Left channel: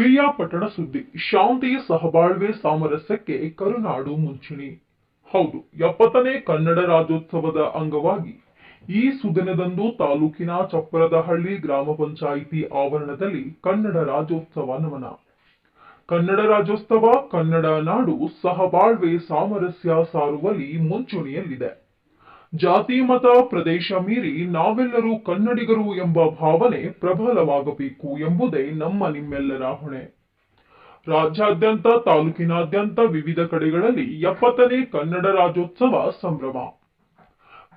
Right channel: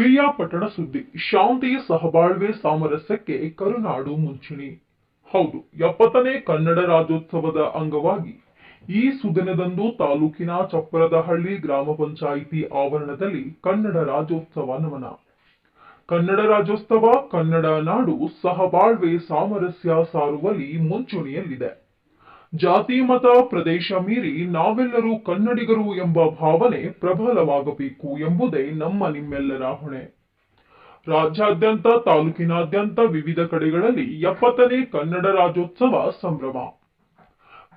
ಪಿರಿಯಾಪಟ್ಟಣ ಸುದ್ದಿ ಶಾಂತಿ ಸಹಬಾಳ್ವೆ ಸಾಮರಸ್ಯಕ್ಕೆ ಕರುನಾಡು ಮುಂಚೂಣಿ. ಹೌದು, 70ನೇ ಕನ್ನಡ ರಾಜ್ಯೋತ್ಸವದ ಅಂಗವಾಗಿ ಈ ಸುದಿನದಂದು ತಾಲೂಕಿನ ಚಪ್ಪರದಹಳ್ಳಿ ಗ್ರಾಮ ಪಂಚಾಯಿತಿ ಆವರಣದಲ್ಲಿ ಕನ್ನಡ ರಾಜ್ಯೋತ್ಸವ ನಮನ. ಕನ್ನಡ ರಾಜ್ಯೋತ್ಸವ ಕನ್ನಡ ನಾಡು ಸಹಬಾಳ್ವೆ ಸಾಮರಸ್ಯ ಸಾರುವಲ್ಲಿ ಮುಂಚೂಣಿಯಲ್ಲಿದೆ. ಜಾತಿ ಮತ ಪ್ರದೇಶ ಮೀರಿ ನಾವೆಲ್ಲರೂ ಕನ್ನಡಿಗರು ಎಂಬ ಭಾವನೆ ಪ್ರಬಲವಾಗಬೇಕು ಎಂಬುದೇ ನಿಮ್ಮೆಲ್ಲರ ಹೊಣೆ. ರಾಜ್ಯಾದ್ಯಂತ ತಾಲೂಕಿನಾದ್ಯಂತ ವಿವಿಧ ಕಡೆಗಳಲ್ಲಿ 70ನೇ ಕನ್ನಡ ರಾಜ್ಯೋತ್ಸವ ಸಂಭ್ರಮ.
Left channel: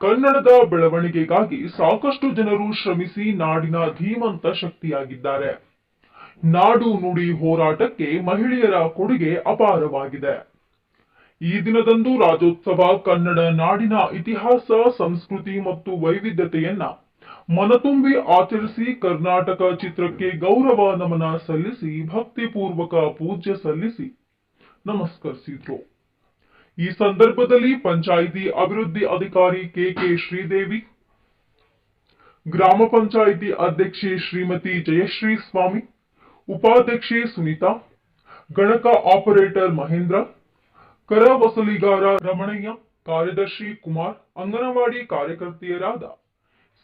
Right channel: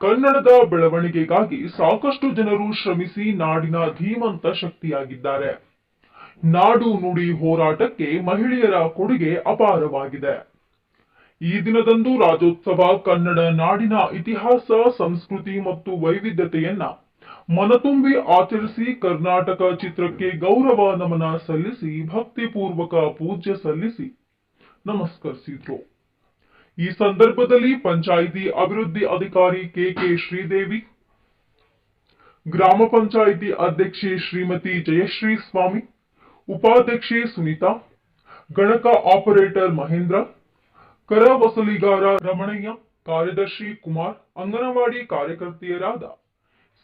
ಕನ್ನಡದ ಬೆಳವಣಿಗೆಗಾಗಿ ಸಾಕಷ್ಟು ಜನರು ಶ್ರಮಿಸಿ ನಾಡಿನ ಧೀಮಂತ ಶಕ್ತಿಯಾಗಿದ್ದಾರೆ. ನಾಡು ನುಡಿ ಹೋರಾಟಕ್ಕೆ ಮಹಿಳೆಯರ ಕೊಡುಗೆ ಅಪಾರವಾಗಿದೆ. ಈ ದಿನದಂದು ರಾಜ್ಯೋತ್ಸವ ಕನ್ನಡ ನಾಡಿನ ಇತಿಹಾಸ, ಸಂಸ್ಕೃತಿ ಮತ್ತು ವೈವಿಧ್ಯತೆಯನ್ನ ಮನತುಂಬಿ ಆಚರಿಸಿ ಕರ್ನಾಟಕ ಚಿತ್ರಕ್ಕೆ ಗೌರವ ನಮನ ಸಲ್ಲಿಸಿ ಭಕ್ತಿಪೂರ್ವಕ ಪೂಜೆ ಸಲ್ಲಿಸಿ ನಮಸ್ಕರಿಸಿದ್ರು. ಈ ಸಂದರ್ಭದಲ್ಲಿ ಪಂಚಾಯಿತಿ ಅಭಿವೃದ್ಧಿ ಅಧಿಕಾರಿ ಕೆ ಶ್ರೀದೇವಿ, ಗ್ರಾಮ ಪಂಚಾಯಿತಿ ಅಧ್ಯಕ್ಷೆ ಶ್ರೀಮತಿ ಜಯಶ್ರೀ ಸ್ವಾಮಿ, ಉಪಾಧ್ಯಕ್ಷೆ ಸುನೀತಾ, ಗಣಕ ಆಪರೇಟರ್ ಮಹೇಂದ್ರ, ಕರ ವಸೂಲಿಗಾರ ರಮಣಯ್ಯ, ಕಾರ್ಯದರ್ಶಿ ಕುಮಾರ್, ಅಂಗನವಾಡಿ ಕಾರ್ಯಕರ್ತೆಯರಾದ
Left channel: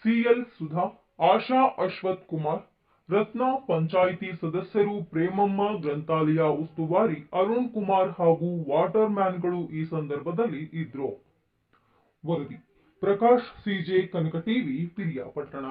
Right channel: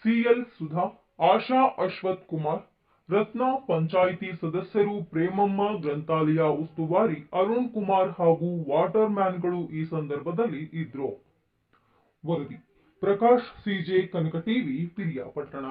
ಸಿಎಲ್ ಸುಧಾ, ಆಶಾ ಅಶ್ವಥ್ ಕುಮಾರ್, ರತ್ನ, ಪಂಚಾಯಿತಿ ಸದಸ್ಯರು ಪ್ರೇಮಮ್ಮ, ಗ್ರಂಥಾಲಯ ಉಸ್ತುವಾರಿ ಅರುಣ್ ಕುಮಾರ್ ಹಾಗೂ ವಾಟರ್ ಮ್ಯಾನ್ಗಳು ಈ ಸಂದರ್ಭದಲ್ಲಿ ಇದ್ರು. ವರದಿ ಪ್ರಕಾಶ್ ಸಿಜೆ, ಕನಕ ಟಿವಿ, ಪಿರಿಯಾಪಟ್ಟಣ.